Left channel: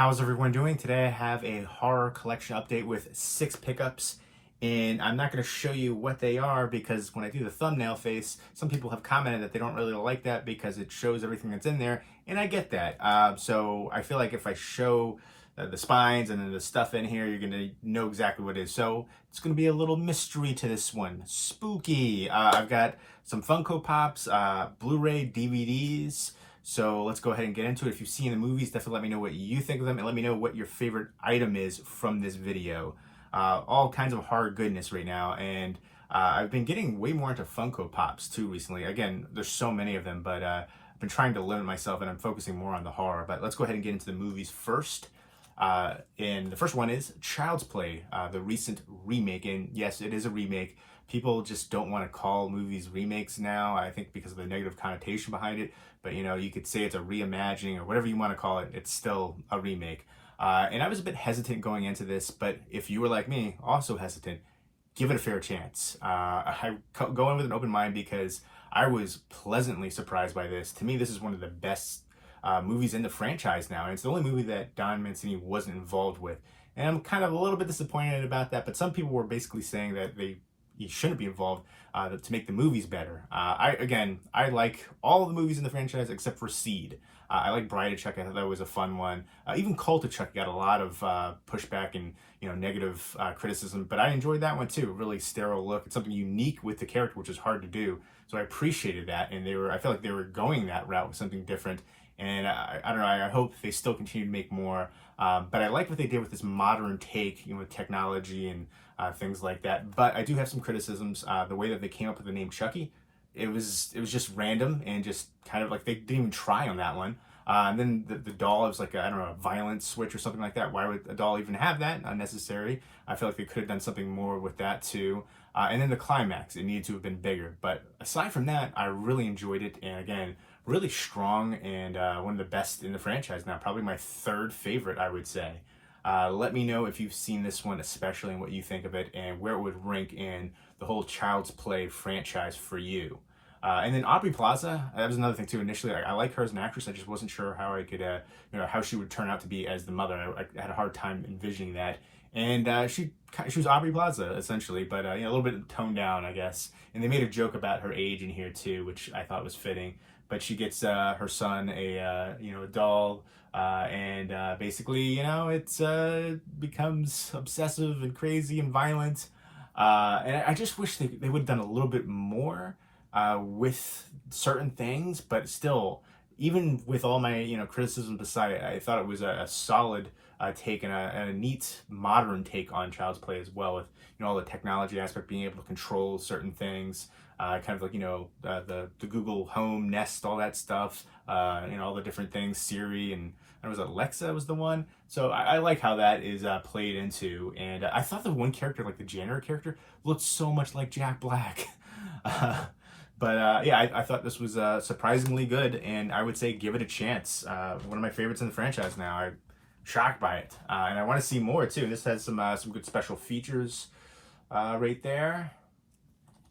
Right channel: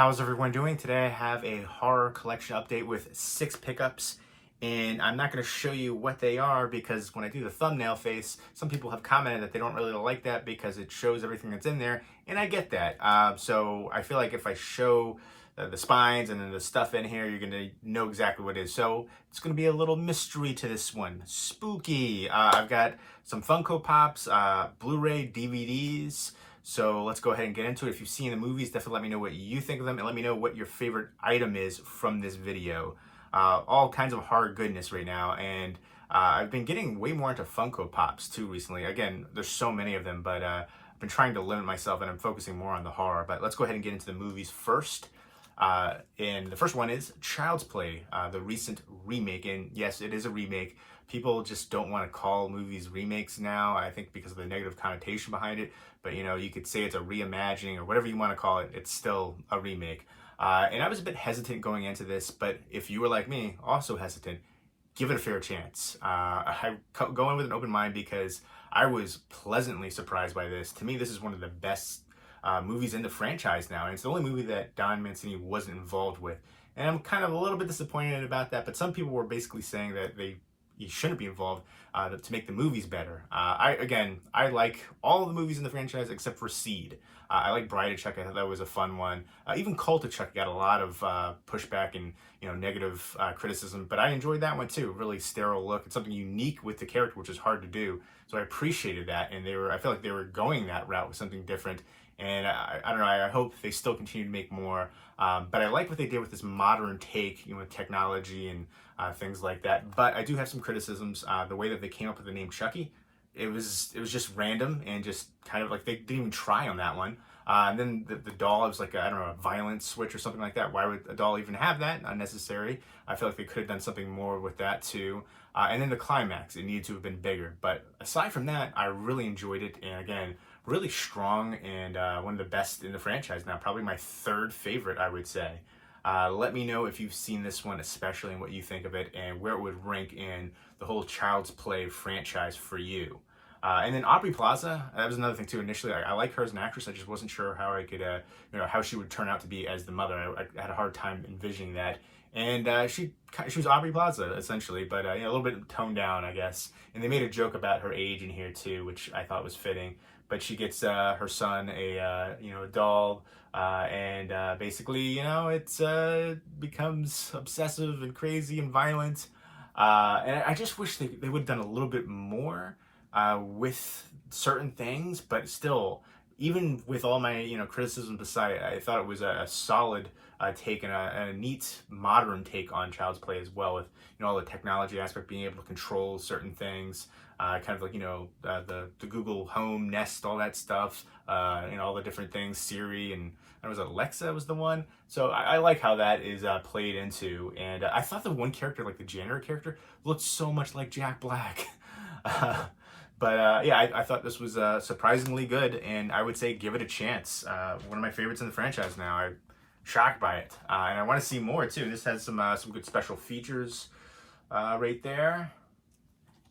How's everyone doing? Today I have a horror collection update with 6 pickups, and I'm not going to show you what they are because when I do the thumbnail face, some people have commented that they don't really like that because it shows everything that's in there, and I get that. So I feel like if I show the spines and then the stuff in here, you're going to know exactly what it is. So it's going to be a little mystery to this one. Spooky. I've got some Funko Pops, Blu-ray DVDs. So let's go ahead and get into it. If you've seen the movies, definitely let me know what you think of them and let me know what your favorite item is from this video. All kinds of horror goodness right now, and I've been getting way more into Funko Pops too recently. Again, there's so many of them, but I've been trying to limit myself and I'm focusing more on the horror. But let's go ahead and get into the movies first. And the first one is Child's Play, the recent remake. And yes, it is a remake. People just don't want to call movies remakes now, I think because of the negative connotation behind it. But, you know, you could say it's a reimagining or whatever you want to call it. It's still a remake. And I was a bit hesitant going into this, but if you were like me, also hesitant, give it a fair chance. I go in with an open mind because I was pleasantly surprised by this. To me, this is one of the best movies in the franchise now, and it's the only movie that Don Mancini wasn't involved with. And I'm kind of a little bit disappointed about that, but some people were basically saying that he shouldn't be involved to make the movies better. I like all of the movies in the franchise except for Seed. I like Bride of Chuck. I thought that was a fun one. Even Cult of Chuck got a lot of pushback and negative criticism, but I enjoyed that one too. Really sterile look. It's something unique with the character, which is hard to do. So I appreciated that, and I feel like they were going that route with something different. And I don't know, I hope they still continue to make more. But I like what they did with this modern take, with technology and things like that. But I do have some criticisms. The way that they came up with the name Chucky, it was just random and just kind of like they didn't even try on that one. And then the doll, it was like, I don't know, a violence switch or something like that. Why would a doll even have that? Unnecessary. I feel like they could have done something more with that too. And then the climax, it needed to have been bigger. But aside from that, I really enjoyed it. And again, really strong and one of the best in the franchise now. Probably my third favorite, I would say. Let me know if you've seen this one especially and what you think of it and where it would rank in the whole Child's Play franchise for you. And then Aubrey Plaza, that was another thing too. Initially, I like her as an actress. I just wasn't sure how I could, how she would turn out to be as the mother. I had a hard time envisioning that. And she was Aubrey Plaza essentially, but a little bit toned down, I guess. And they made a joke about her age in here too, which I thought was fitting. But she gets her son a doll, and basically it becomes obsessive and crazy and violent. And I just wish they would have done a little bit more with certain things, but still, even with all my criticisms aside, I thought it was a solid take and a neat modern take on Child's Play as well, with all the technology aspect, being able to control certain things, kind of like the Google Home, Nest, all that stuff, all the different things, Siri, and it was Alexa was the one. So I like how that is played into, and I thought the one character, like the janitor character, looked so much like Jack Black. But I thought this was surprisingly good, and I would say give it a chance. One of my favorites in the franchise now. I'm shocked by it, and I want to see more too. This has some good special features right there.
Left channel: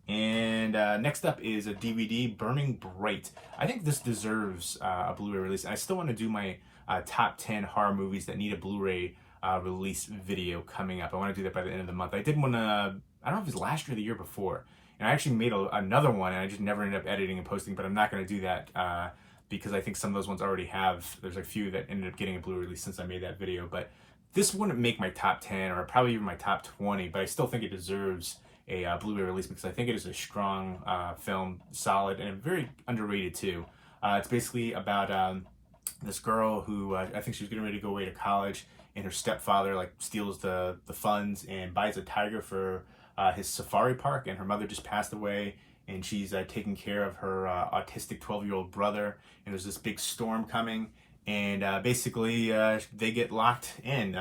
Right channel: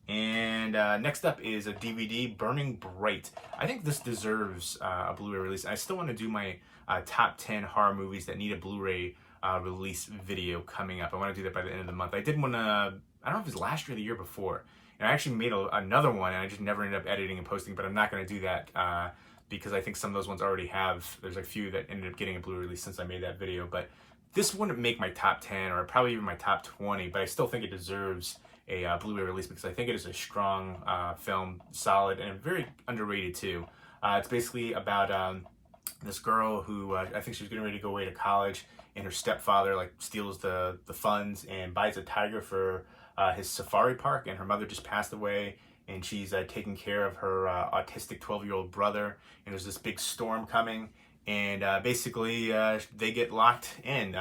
And next up is a DVD, Burning Bright. I think this deserves a Blu-ray release. I still want to do my top 10 horror movies that need a Blu-ray release video coming up. I want to do that by the end of the month. I did one, I don't know if it was last year or the year before. And I actually made another one, and I just never ended up editing and posting, but I'm not going to do that because I think some of those ones already have. There's a few that ended up getting a Blu-ray release since I made that video. But this wouldn't make my top 10 or probably even my top 20, but I still think it deserves a Blu-ray release because I think it is a strong film, solid, and very underrated too. It's basically about this girl who I think she's getting ready to go away to college, and her stepfather steals the funds and buys a tiger for his safari park, and her mother just passed away, and she's taking care of her autistic 12-year-old brother, and there's this big storm coming, and basically they get locked in,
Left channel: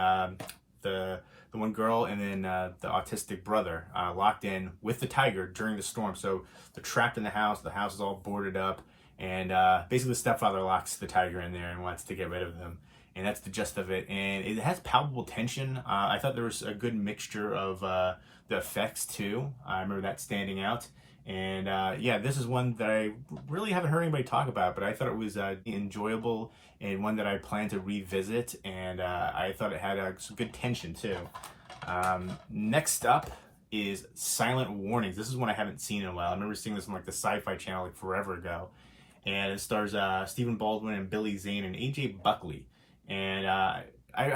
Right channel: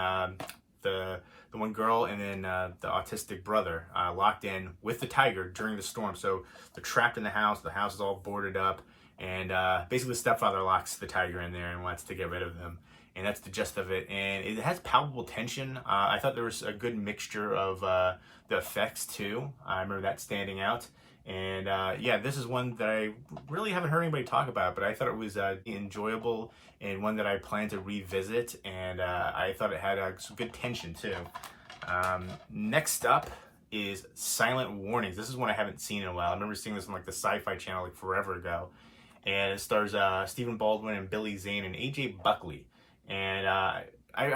the one girl and then the autistic brother locked in with the tiger during the storm. So they're trapped in the house is all boarded up, and basically the stepfather locks the tiger in there and wants to get rid of him. And that's the gist of it. And it has palpable tension. I thought there was a good mixture of the effects too. I remember that standing out. And yeah, this is one that I really haven't heard anybody talk about, but I thought it was enjoyable and one that I plan to revisit. And I thought it had some good tension too. Next up is Silent Warnings. This is one I haven't seen in a while. I remember seeing this on like the Sci-Fi Channel like forever ago. And it stars Stephen Baldwin and Billy Zane and AJ Buckley. And I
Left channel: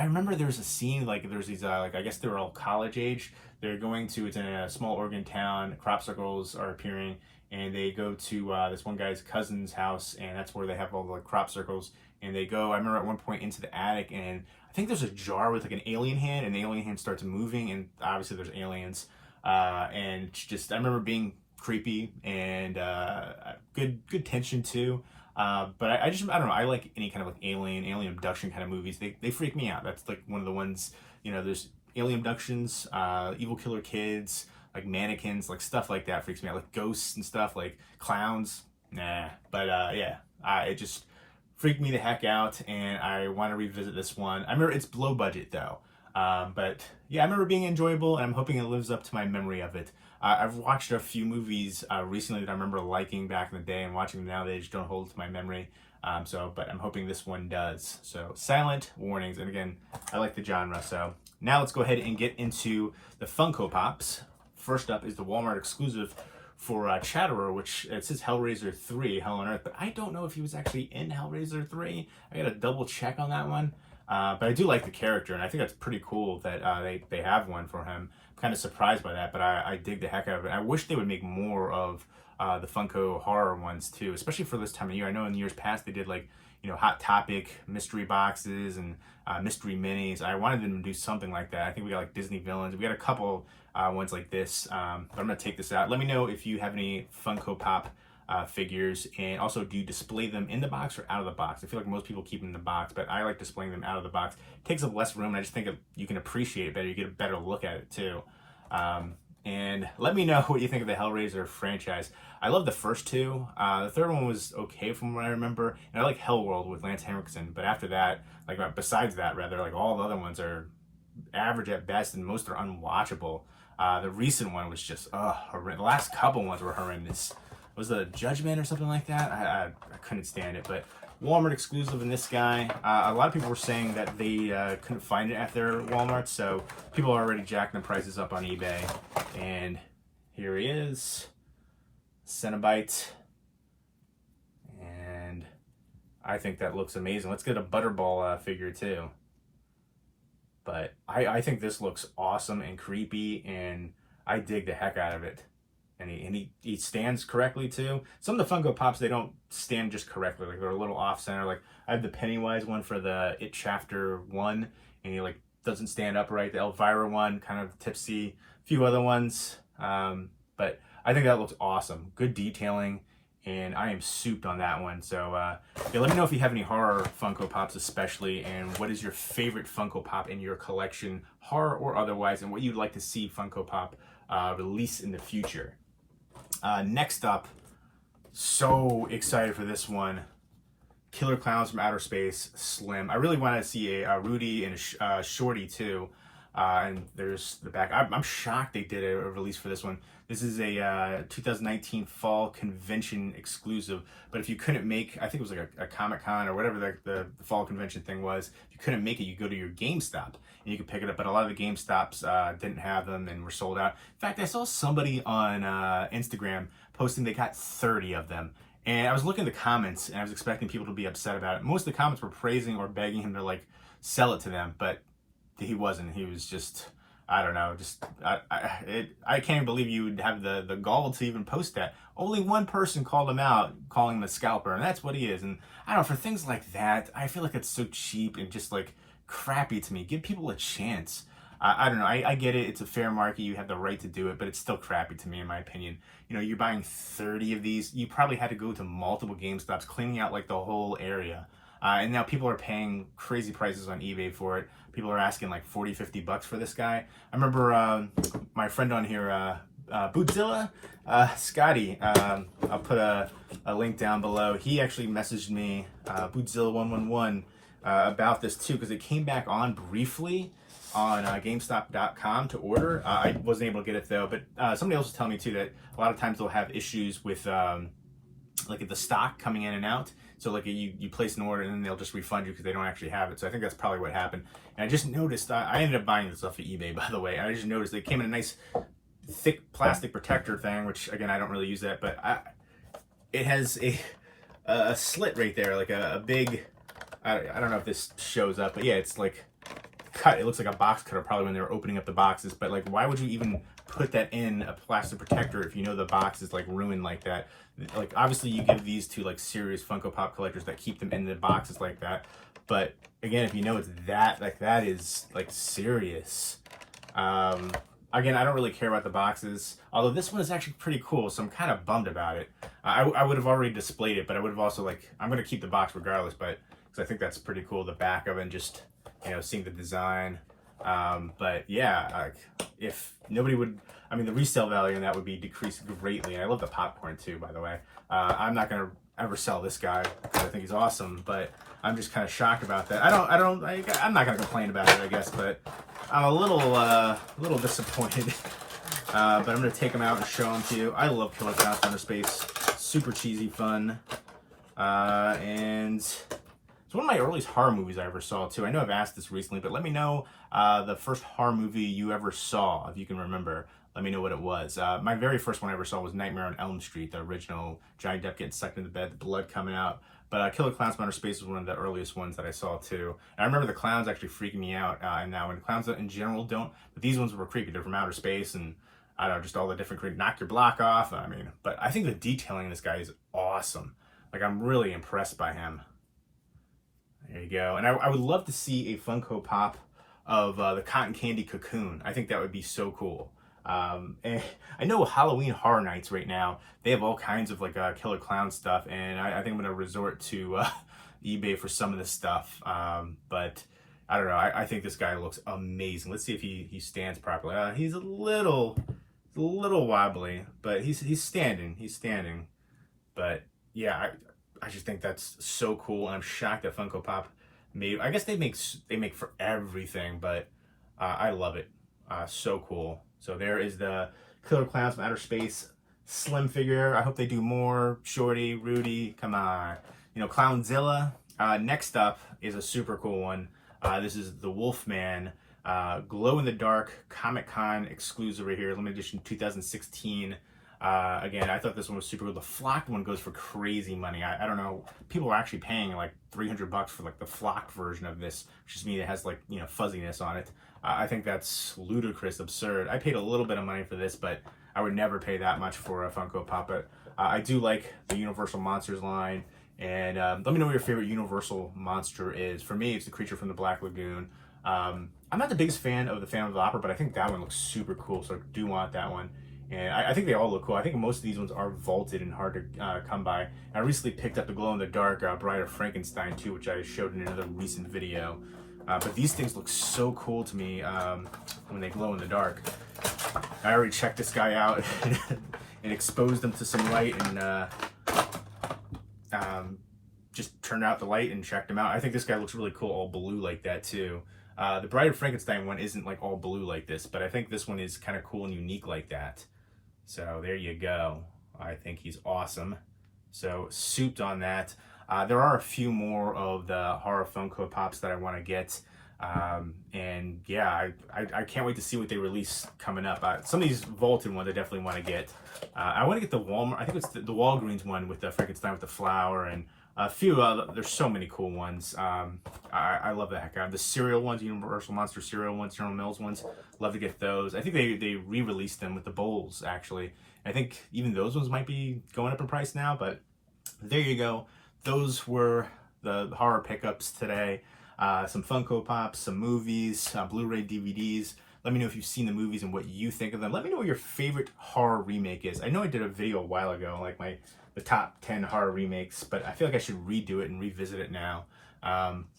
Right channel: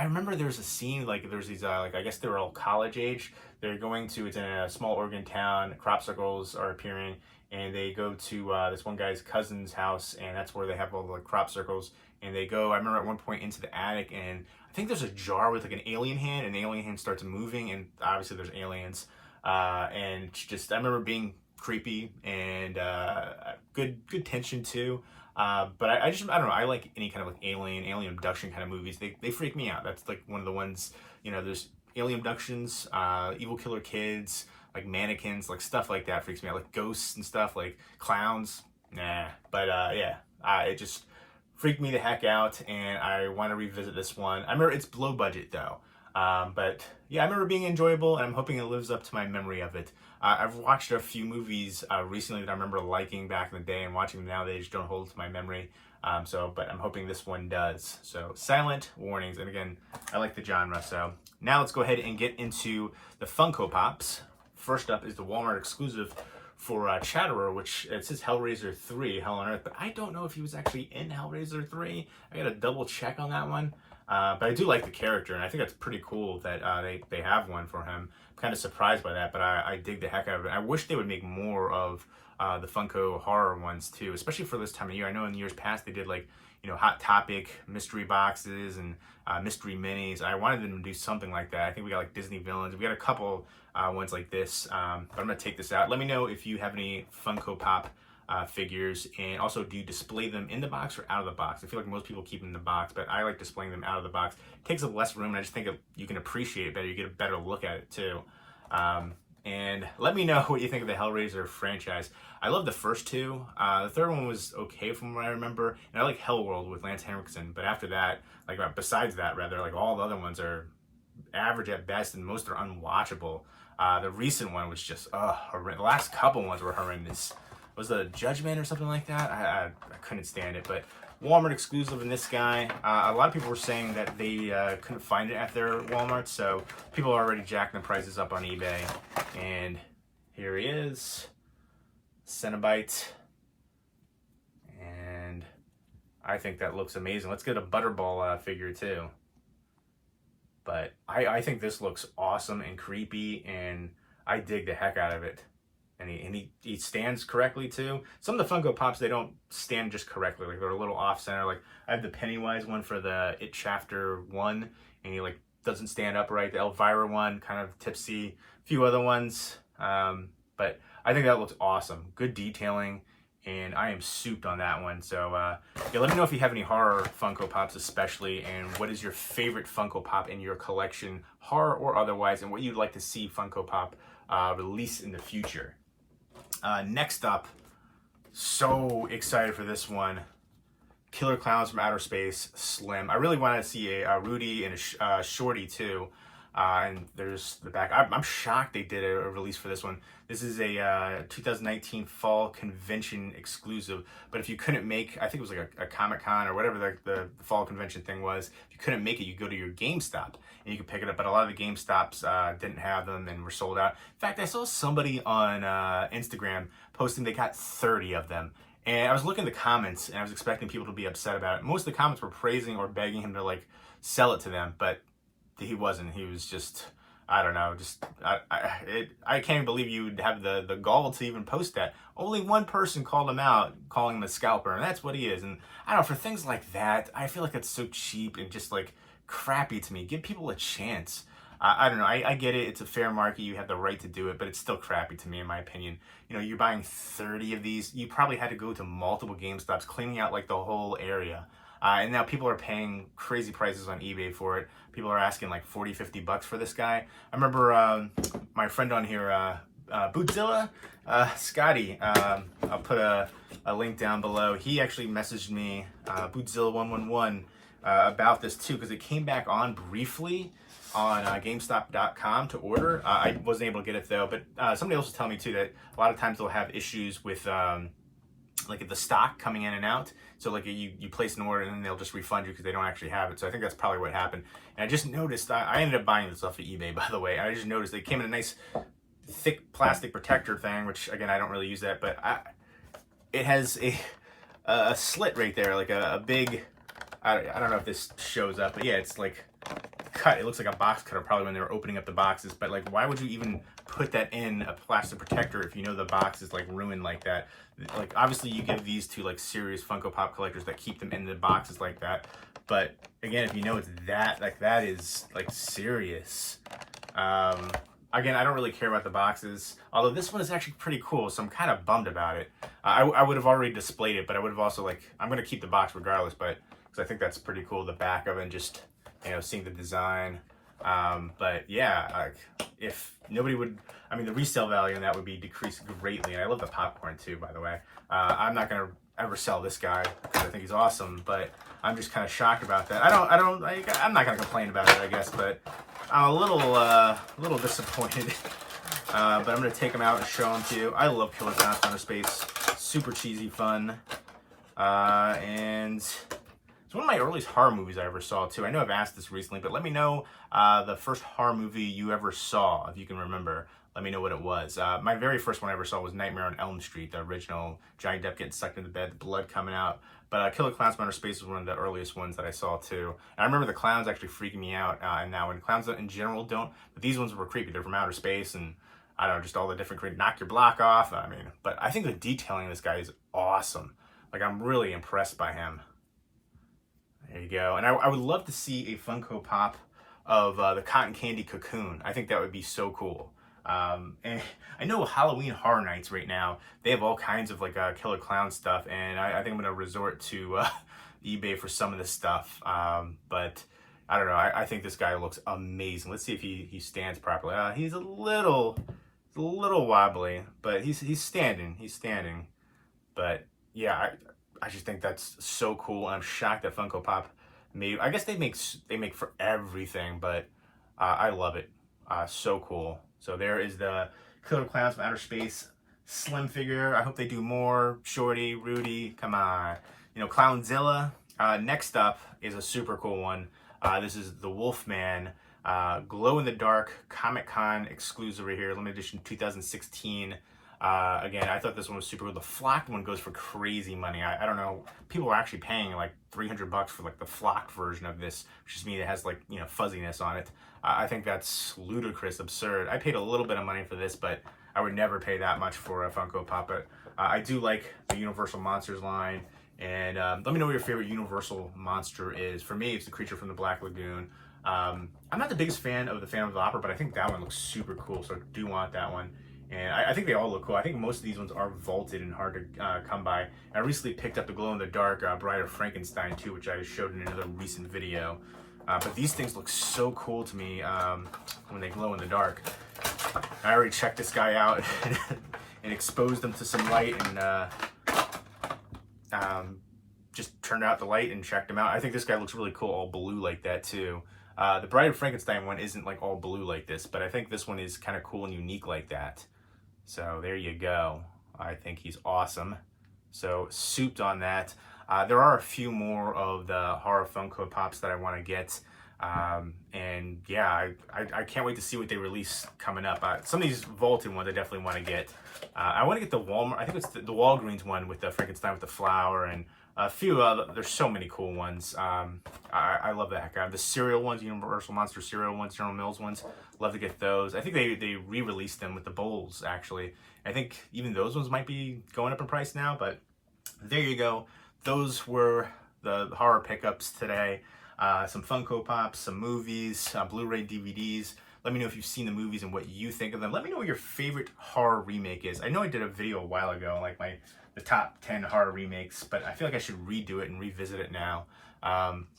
remember there was a scene, like there's these, like I guess they were all college age. They're going to, it's in a small Oregon town, crop circles are appearing, and they go to this one guy's cousin's house, and that's where they have all the like, crop circles. And they go, I remember at one point into the attic, and I think there's a jar with like an alien hand, and the alien hand starts moving, and obviously there's aliens. And just, I remember being creepy and good tension too. But I don't know, I like any kind of like alien abduction kind of movies. They freak me out. That's like one of the ones, you know, there's alien abductions, evil killer kids, like mannequins, like stuff like that freaks me out. Like ghosts and stuff, like clowns, nah. But yeah, it just freaked me the heck out, and I want to revisit this one. I remember it's low budget though. But yeah, I remember being enjoyable, and I'm hoping it lives up to my memory of it. I've watched a few movies recently that I remember liking back in the day, and watching them now, they just don't hold to my memory. But I'm hoping this one does. So, Silent Warnings, and again, I like the genre. So, now let's go ahead and get into the Funko Pops. First up is the Walmart exclusive for Chatterer, which it says Hellraiser 3, Hell on Earth, but I don't know if he was actually in Hellraiser 3. I gotta double check on that one. But I do like the character, and I think that's pretty cool that they have one for him. I'm kind of surprised by that, but I dig the heck out of it. I wish they would make more of the Funko horror ones too, especially for this time of year. I know in years past they did like, you know, Hot Topic mystery boxes and mystery minis. I wanted them to do something like that. I think we got like Disney villains. We got a couple ones like this, but I'm gonna take this out. Let me know if you have any Funko Pop figures, and also, do you display them in the box or out of the box? I feel like most people keep them in the box, but I like displaying them out of the box. It takes up less room, and I just think you can appreciate it better. You get a better look at it too. And let me know what you think of the Hellraiser franchise. I love the first two. The third one was okay from what I remember, and I like Hellworld with Lance Henriksen. But after that, like besides that, rather, like all the other ones are average at best, and most are unwatchable. The recent one was just horrendous. The last couple ones were horrendous. Was the Judgment or something like that? I couldn't stand it. But Walmart exclusive in this guy. A lot of people were saying that they couldn't find it at their Walmart, so people are already jacking the prices up on eBay. And here he is, Cenobite. And I think that looks amazing. Let's get a Butterball figure too. But I think this looks awesome and creepy, and I dig the heck out of it. And he stands correctly too. Some of the Funko Pops, they don't stand just correctly. Like they're a little off center. Like I have the Pennywise one for the It Chapter 1, and he like doesn't stand upright. The Elvira one, kind of tipsy. A few other ones. But I think that looks awesome. Good detailing, and I am souped on that one. So yeah, let me know if you have any horror Funko Pops especially, and what is your favorite Funko Pop in your collection, horror or otherwise, and what you'd like to see Funko Pop release in the future. Next up, so excited for this one. Killer Clowns from Outer Space, Slim. I really wanted to see a Rudy and a Shorty too. And there's the back. I'm shocked they did a release for this one. This is a 2019 fall convention exclusive. But if you couldn't make, I think it was like a Comic-Con or whatever the fall convention thing was, if you couldn't make it, you go to your GameStop and you could pick it up. But a lot of the GameStops didn't have them and were sold out. In fact, I saw somebody on Instagram posting they got 30 of them. And I was looking at the comments, and I was expecting people to be upset about it. Most of the comments were praising or begging him to like sell it to them, but he wasn't. He was just, I don't know, just I can't even believe you would have the gall to even post that. Only one person called him out, calling him a scalper, and that's what he is. And I don't know, for things like that, I feel like it's so cheap and just like crappy to me. Give people a chance. I don't know. I get it. It's a fair market. You have the right to do it, but it's still crappy to me, in my opinion. You know, you're buying 30 of these. You probably had to go to multiple GameStops, cleaning out like the whole area. And now people are paying crazy prices on eBay for it. People are asking like 40, 50 bucks for this guy. I remember my friend on here, Bootzilla, Scotty, I'll put a link down below. He actually messaged me, Bootzilla111, about this too, because it came back on briefly on GameStop.com to order. I wasn't able to get it though, but somebody else was telling me too that a lot of times they'll have issues with like the stock coming in and out. So like you place an order and then they'll just refund you because they don't actually have it. So I think that's probably what happened. And I just noticed, I ended up buying this off of eBay, by the way. And I just noticed it came in a nice thick plastic protector thing, which again, I don't really use that, but it has a slit right there, like a big, I don't know if this shows up, but yeah, it's like cut. It looks like a box cutter probably when they were opening up the boxes, but like, why would you even put that in a plastic protector if you know the box is like ruined like that? Like, obviously you give these to like serious Funko Pop collectors that keep them in the boxes like that, but again, if you know it's that, like, that is like serious. Again, I don't really care about the boxes, although this one is actually pretty cool, so I'm kind of bummed about it. I would have already displayed it, but I would have also, like, I'm going to keep the box regardless, but because I think that's pretty cool, the back of it, and just, you know, seeing the design. But yeah, like, if nobody would, I mean, the resale value on that would be decreased greatly, and I love the popcorn too, by the way. I'm not going to ever sell this guy because I think he's awesome, but I'm just kind of shocked about that. I'm not going to complain about it, I guess, but I'm a little disappointed. But I'm going to take them out and show them to you. I love Killer Clowns from Outer Space. Super cheesy fun. And it's one of my earliest horror movies I ever saw, too. I know I've asked this recently, but let me know the first horror movie you ever saw, if you can remember. Let me know what it was. My very first one I ever saw was Nightmare on Elm Street, the original. Johnny Depp getting sucked into bed, the blood coming out. But Killer Clowns from Outer Space was one of the earliest ones that I saw too. And I remember the clowns actually freaking me out. And now when clowns in general don't, but these ones were creepy. They're from outer space, and I don't know, just all the different knock your block off. I mean, but I think the detailing of this guy is awesome. Like, I'm really impressed by him. There you go. And I would love to see a Funko Pop of the Cotton Candy Cocoon. I think that would be so cool. And I know Halloween Horror Nights right now, they have all kinds of like Killer Clown stuff, and I think I'm going to resort to eBay for some of this stuff. But I don't know, I think this guy looks amazing. Let's see if he stands properly. He's a little wobbly, but he's standing. But yeah, I just think that's so cool, and I'm shocked that Funko Pop made. I guess they make for everything, but I love it. So cool. So there is the Killer Clowns from Outer Space slim figure. I hope they do more. Shorty, Rudy, come on. You know, Clownzilla. Next up is a super cool one. This is the Wolfman glow-in-the-dark Comic-Con exclusive right here. Limited edition 2016. Again, I thought this one was super cool. The flocked one goes for crazy money. I don't know. People are actually paying like $300 for like the flocked version of this, which just means it has like, you know, fuzziness on it. I think that's ludicrous, absurd. I paid a little bit of money for this, but I would never pay that much for a Funko Pop. But I do like the Universal Monsters line. And let me know what your favorite Universal monster is. For me, it's the Creature from the Black Lagoon. I'm not the biggest fan of the Phantom of the Opera, but I think that one looks super cool, so I do want that one. And I think they all look cool. I think most of these ones are vaulted and hard to come by. I recently picked up the glow-in-the-dark Bride of Frankenstein too, which I showed in another recent video. But these things look so cool to me when they glow in the dark. I already checked this guy out and exposed him to some light, and just turned out the light and checked him out. I think this guy looks really cool, all blue like that too. The Bride of Frankenstein one isn't like all blue like this, but I think this one is kind of cool and unique like that. So there you go. I think he's awesome. So souped on that. There are a few more of the horror Funko Pops that I want to get. And yeah, I can't wait to see what they release coming up. Some of these vaulted ones I definitely want to get. I want to get the Walmart, I think it's the Walgreens one with the Frankenstein with the flower, and a few there's so many cool ones. I love the heck out of the cereal ones, Universal Monster cereal ones, General Mills ones. Love to get those. I think they re-released them with the bowls, actually. I think even those ones might be going up in price now, but there you go. Those were the horror pickups today. Some Funko Pops, some movies, Blu-ray DVDs. Let me know if you've seen the movies and what you think of them. Let me know what your favorite horror remake is. I know I did a video a while ago, like the top 10 horror remakes, but I feel like I should redo it and revisit it now.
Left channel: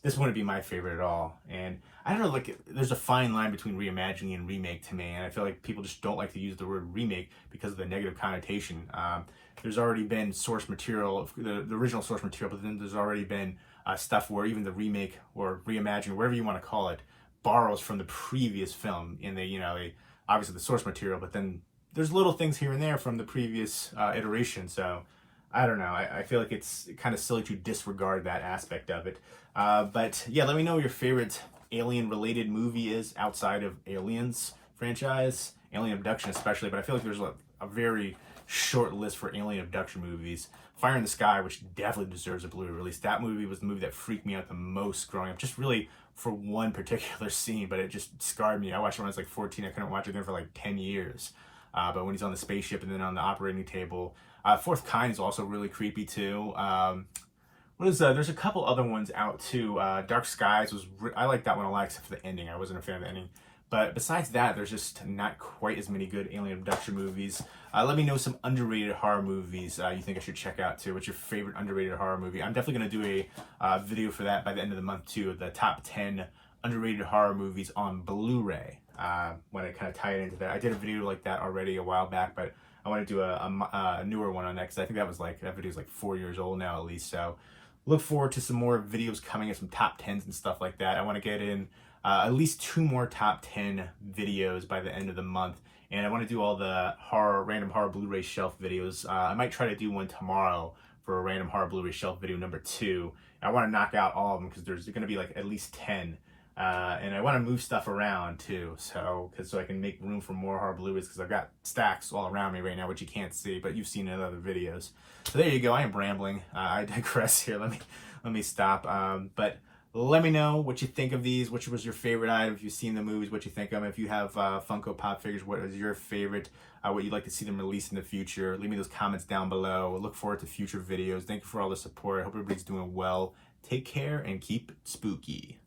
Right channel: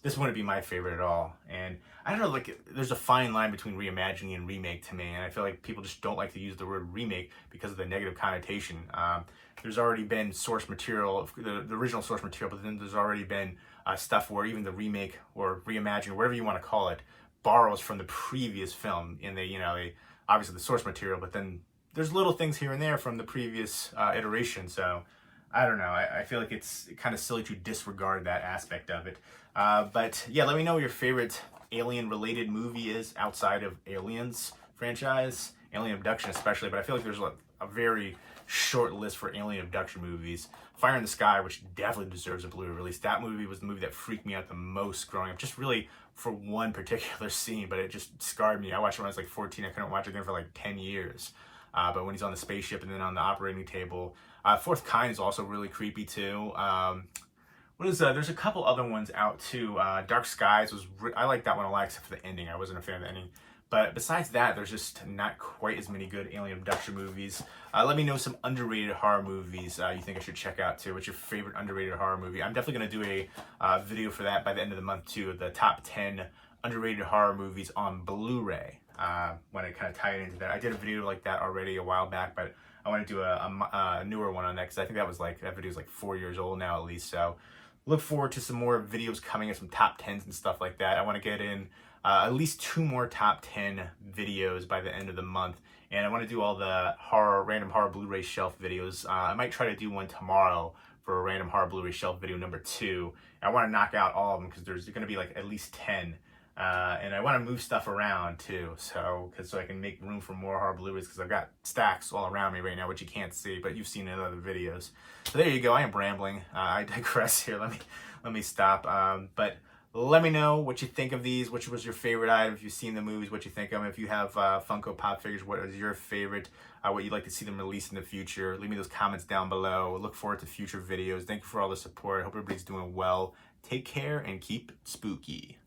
This wouldn't be my favorite at all. And I don't know, like, there's a fine line between reimagining and remake to me, and I feel like people just don't like to use the word remake because of the negative connotation. There's already been source material, the original source material, but then there's already been stuff where even the remake or reimagine, whatever you want to call it, borrows from the previous film, and they obviously the source material, but then there's little things here and there from the previous iteration. So I don't know. I feel like it's kind of silly to disregard that aspect of it. But yeah, let me know what your favorite alien-related movie is outside of Aliens franchise, Alien Abduction especially. But I feel like there's a very short list for alien abduction movies. Fire in the Sky, which definitely deserves a Blu-ray release. That movie was the movie that freaked me out the most growing up, just really for one particular scene, but it just scarred me. I watched it when I was like 14. I couldn't watch it again for like 10 years. But when he's on the spaceship and then on the operating table. Fourth Kind is also really creepy too. There's a couple other ones out too. Dark Skies I like that one a lot, except for the ending. I wasn't a fan of the ending. But besides that, there's just not quite as many good alien abduction movies. Let me know some underrated horror movies you think I should check out too. What's your favorite underrated horror movie? I'm definitely going to do a video for that by the end of the month too. The top 10 underrated horror movies on Blu-ray. When I kind of tie it into that. I did a video like that already a while back, but I want to do a newer one on that because I think that video is like 4 years old now at least. So look forward to some more videos coming in, some top 10s and stuff like that. I want to get in at least 2 more top 10 videos by the end of the month. And I want to do all the random horror Blu-ray shelf videos. I might try to do one tomorrow for a random horror Blu-ray shelf video number 2. I want to knock out all of them because there's going to be like at least 10. And I want to move stuff around too, so I can make room for more horror Blu-rays, because I've got stacks all around me right now, which you can't see, but you've seen in other videos. So there you go. I am rambling. I digress here. Let me stop. But let me know what you think of these. Which was your favorite item? If you've seen the movies, what you think of them. If you have Funko Pop figures, what is your favorite? What you'd like to see them release in the future? Leave me those comments down below. Look forward to future videos. Thank you for all the support. I hope everybody's doing well. Take care and keep spooky.